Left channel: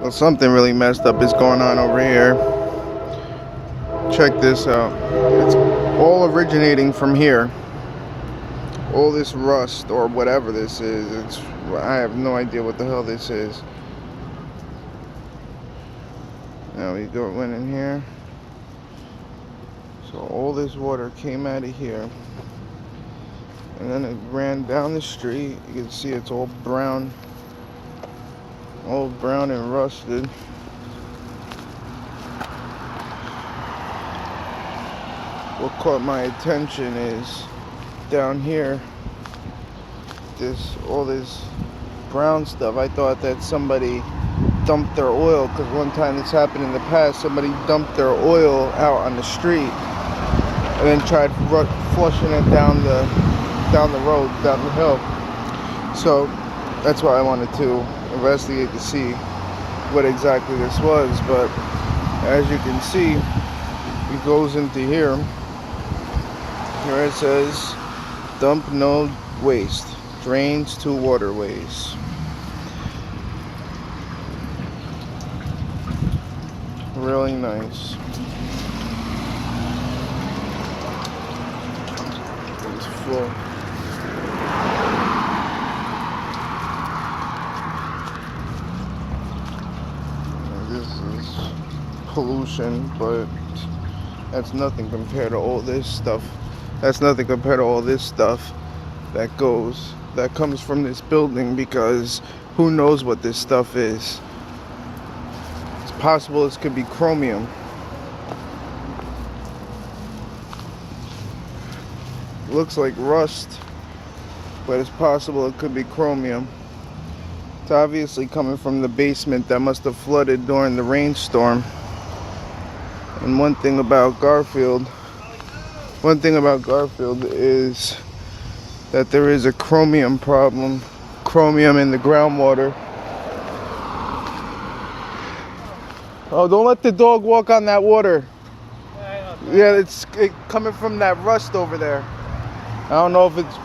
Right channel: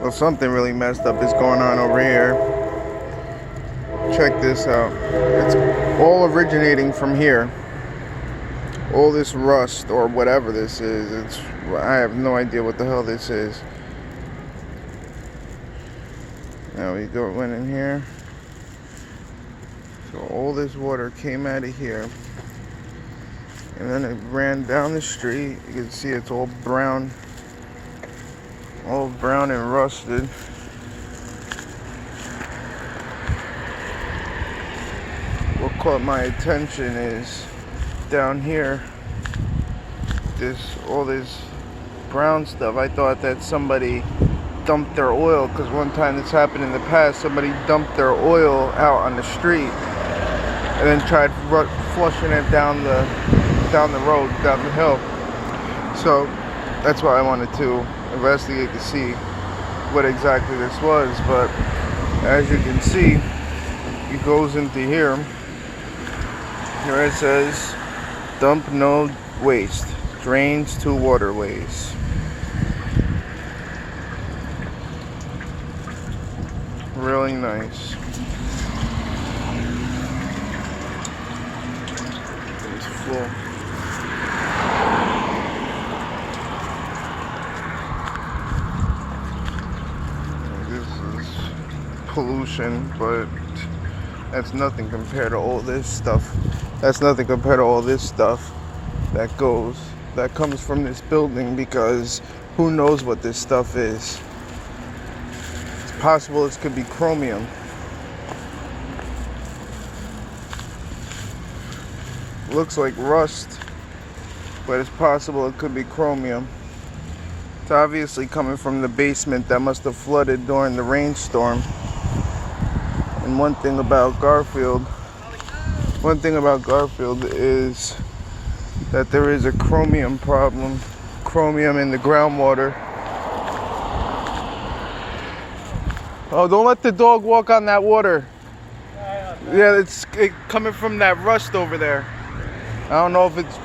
Well, something really messed up is going on over here. Check this out. It's all originating from here. All this rust or whatever this is. I have no idea what the hell this is. Now we went in here. So all this water came out of here. And then it ran down the street. You can see it's all brown. All brown and rusted. What caught my attention is down here, all this brown stuff. I thought that somebody dumped their oil, because one time this happened in the past. Somebody dumped their oil out on the street and then tried flushing it down the road, down the hill. So that's why I wanted to investigate to see what exactly this was. But as you can see, it goes into here. Here it says, dump no waste, drains to waterways. Really nice. It's full. This is pollution, but that's nothing compared to all this stuff. That's nothing compared to all this stuff that comes from this building, because who knows what this stuff is. It's possible this could be chromium. Looks like rust, but it's possible it could be chromium. It's obviously coming from the basement that must have flooded during the rainstorm. And one thing about Garfield is that there is a chromium problem. Chromium in the groundwater. Oh, don't let the dog walk on that water. Yeah, it's coming from that rust over there. I don't know if it's...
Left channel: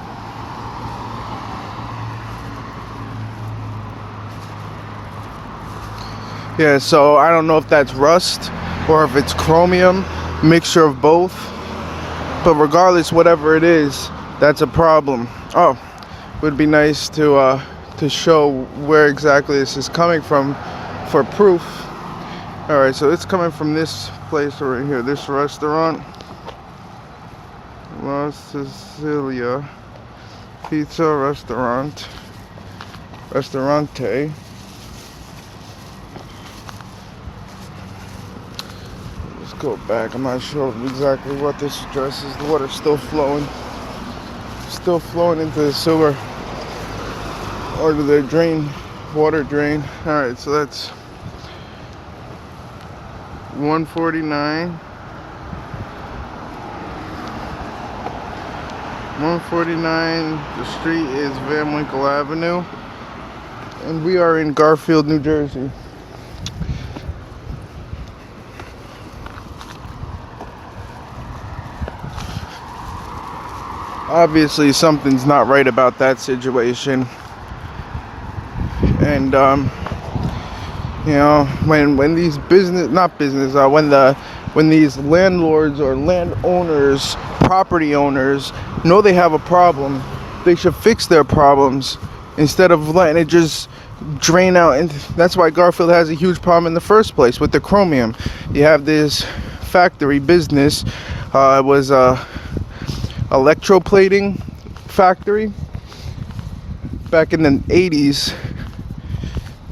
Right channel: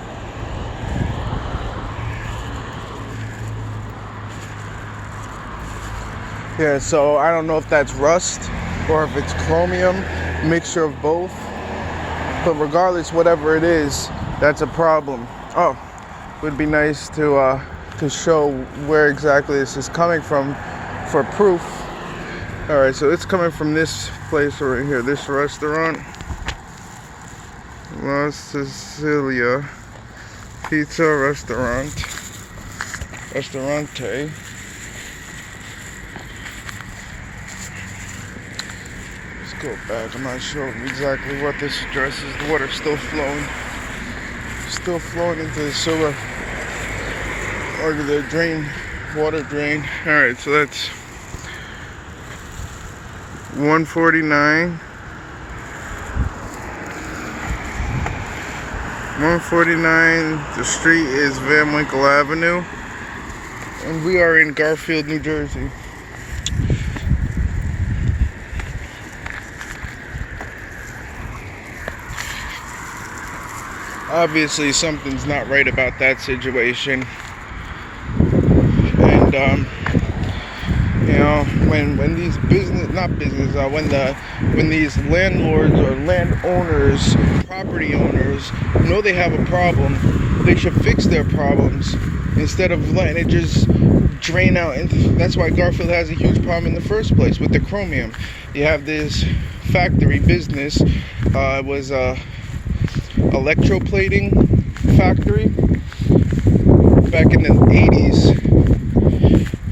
Yeah, so I don't know if that's rust or if it's chromium, mixture of both. But regardless, whatever it is, that's a problem. Oh, it would be nice to show where exactly this is coming from for proof. All right, so it's coming from this place right here, this restaurant, La Sicilia Pizza Restaurante. Go back. I'm not sure exactly what this address is. The water's still flowing into the sewer or the water drain. All right, so that's 149. 149. The street is Van Winkle Avenue, and we are in Garfield, New Jersey. Obviously something's not right about that situation. And you know, when these when these landlords or landowners, property owners know they have a problem, they should fix their problems instead of letting it just drain out. And that's why Garfield has a huge problem in the first place with the chromium. You have this factory business. It was electroplating factory back in the 80s.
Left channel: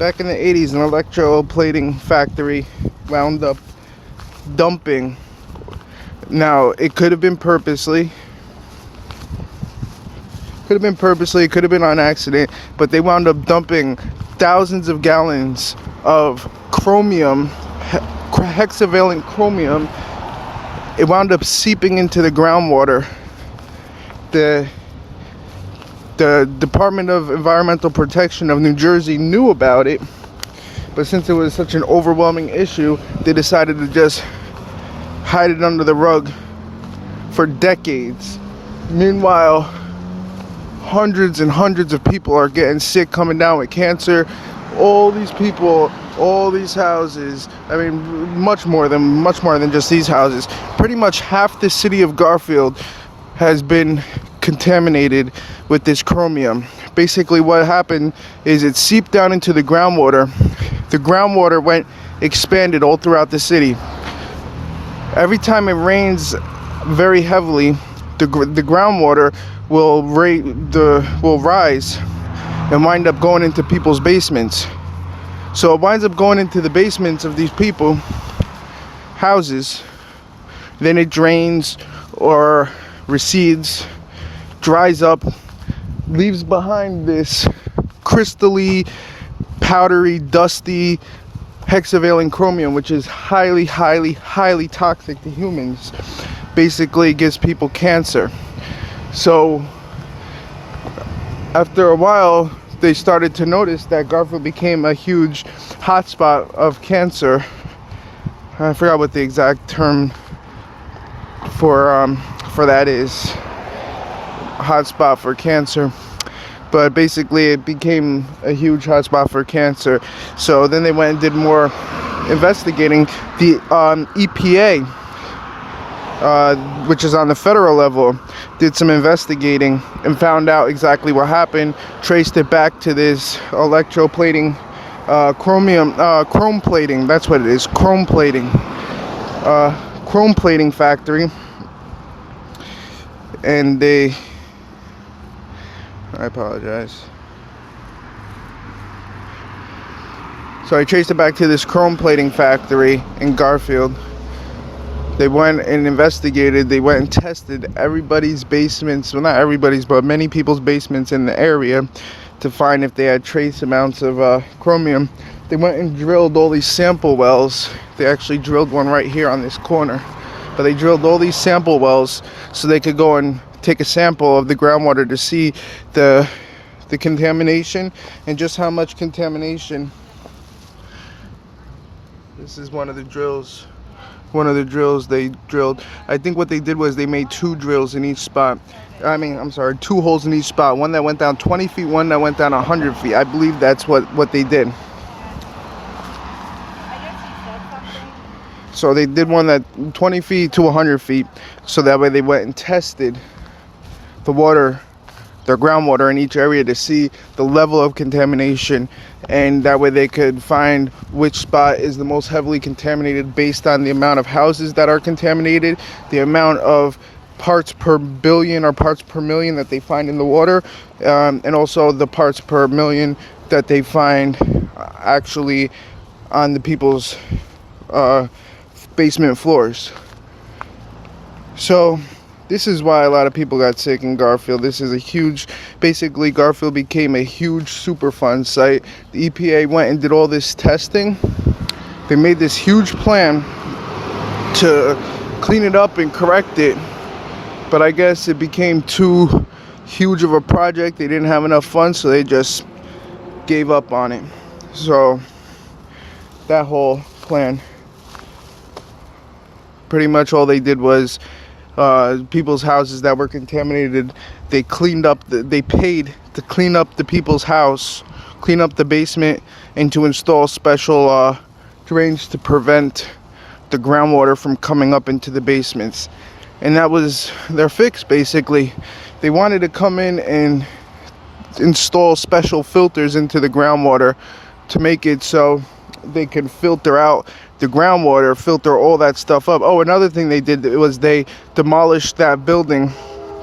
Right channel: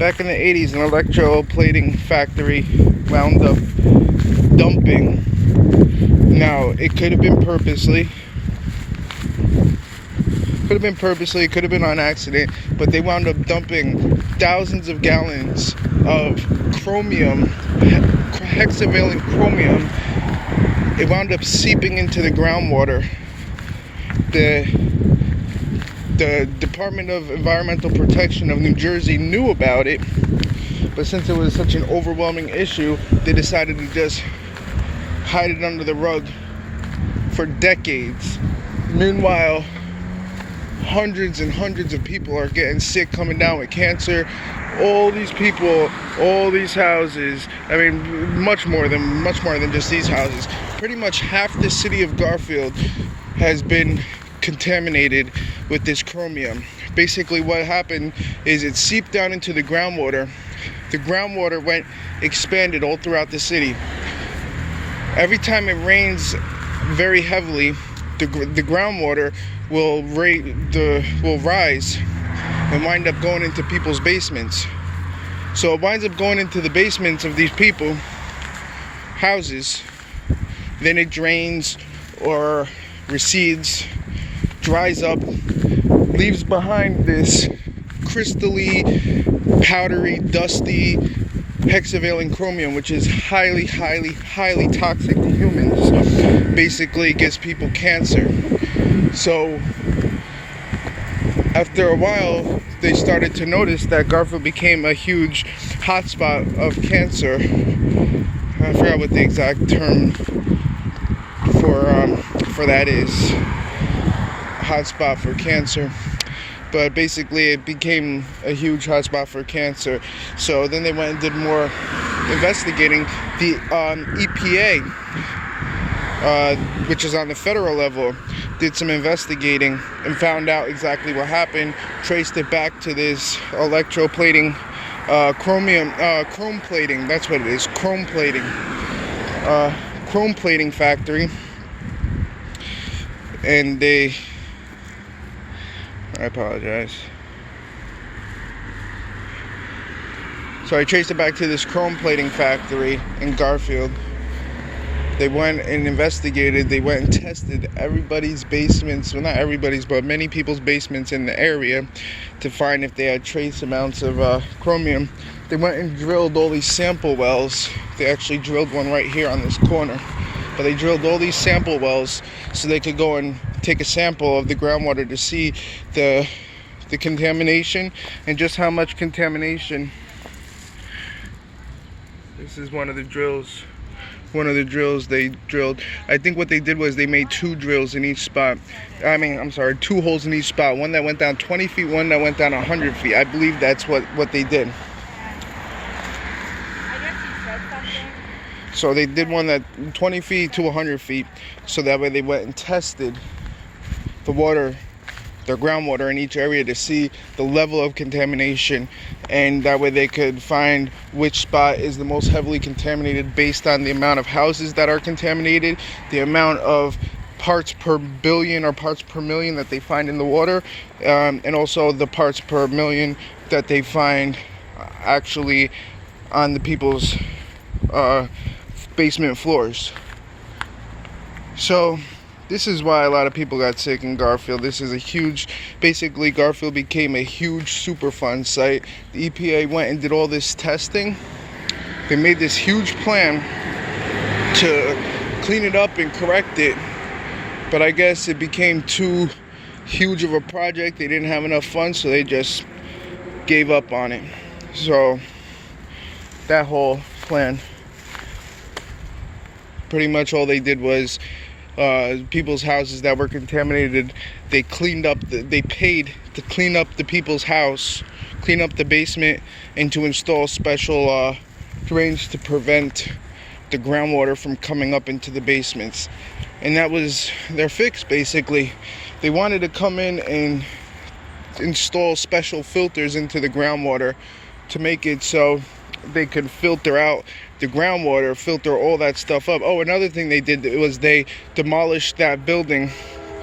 An electroplating factory wound up dumping. Now, it could have been purposely. It could have been on accident, but they wound up dumping thousands of gallons of chromium, hexavalent chromium. It wound up seeping into the groundwater. The Department of Environmental Protection of New Jersey knew about it, but since it was such an overwhelming issue, they decided to just hide it under the rug for decades. Meanwhile, hundreds and hundreds of people are getting sick, coming down with cancer, all these people, all these houses, I mean, much more than just these houses. Pretty much half the city of Garfield has been contaminated with this chromium. Basically what happened is it seeped down into the groundwater. The groundwater expanded all throughout the city. Every time it rains very heavily, the groundwater will rise and wind up going into people's basements. So it winds up going into the basements of these people, houses. Then it drains or recedes, dries up, leaves behind this crystally, powdery, dusty hexavalent chromium, which is highly, highly, highly toxic to humans. Basically, it gives people cancer. So after a while, they started to notice that Garfield became a huge hotspot of cancer. I forgot what the exact term for that is. Hotspot for cancer. But basically it became a huge hotspot for cancer. So then they went and did more investigating. The EPA, which is on the federal level, did some investigating and found out exactly what happened, traced it back to this electroplating, chrome plating, that's what it is, chrome plating factory. And I apologize. So I traced it back to this chrome plating factory in Garfield. They went and investigated. They went and tested everybody's basements. Well, not everybody's, but many people's basements in the area to find if they had trace amounts of chromium. They went and drilled all these sample wells. They actually drilled one right here on this corner. But they drilled all these sample wells so they could go and take a sample of the groundwater to see the contamination and just how much contamination. This is one of the drills they drilled. I think what they did was they made 2 drills in each spot. I'm sorry, 2 holes in each spot. One that went down 20 feet, one that went down 100 feet. I believe that's what they did. So they did one that 20 feet to 100 feet. So that way they went and tested the water, their groundwater in each area to see the level of contamination, and that way they could find which spot is the most heavily contaminated based on the amount of houses that are contaminated, the amount of parts per billion or parts per million that they find in the water, and also the parts per million that they find actually on the people's basement floors. So this is why a lot of people got sick in Garfield. This is basically Garfield became a huge Superfund site. The EPA went and did all this testing. They made this huge plan to clean it up and correct it. But I guess it became too huge of a project. They didn't have enough funds, so they just gave up on it. So that whole plan, pretty much all they did was people's houses that were contaminated, they paid to clean up the people's house, clean up the basement, and to install special drains to prevent the groundwater from coming up into the basements. And that was their fix, basically. They wanted to come in and install special filters into the groundwater to make it so they could filter out the groundwater, filter all that stuff up. Oh, another thing they did was they demolished that building,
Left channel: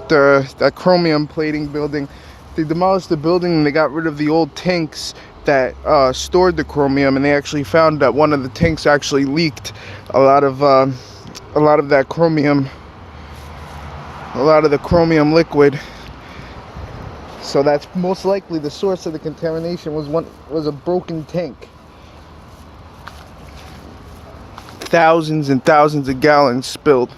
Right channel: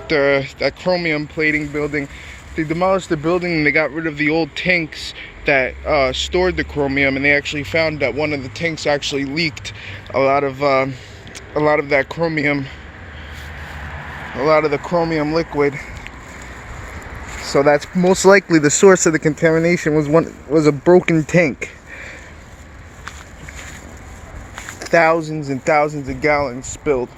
that chromium plating building. They demolished the building and they got rid of the old tanks that stored the chromium, and they actually found that one of the tanks actually leaked a lot of that chromium, a lot of the chromium liquid. So that's most likely the source of the contamination was a broken tank. Thousands and thousands of gallons spilled.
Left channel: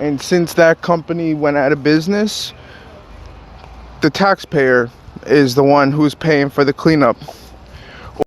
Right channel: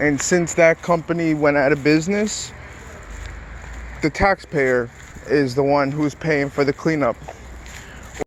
And since that company went out of business, the taxpayer is the one who's paying for the cleanup.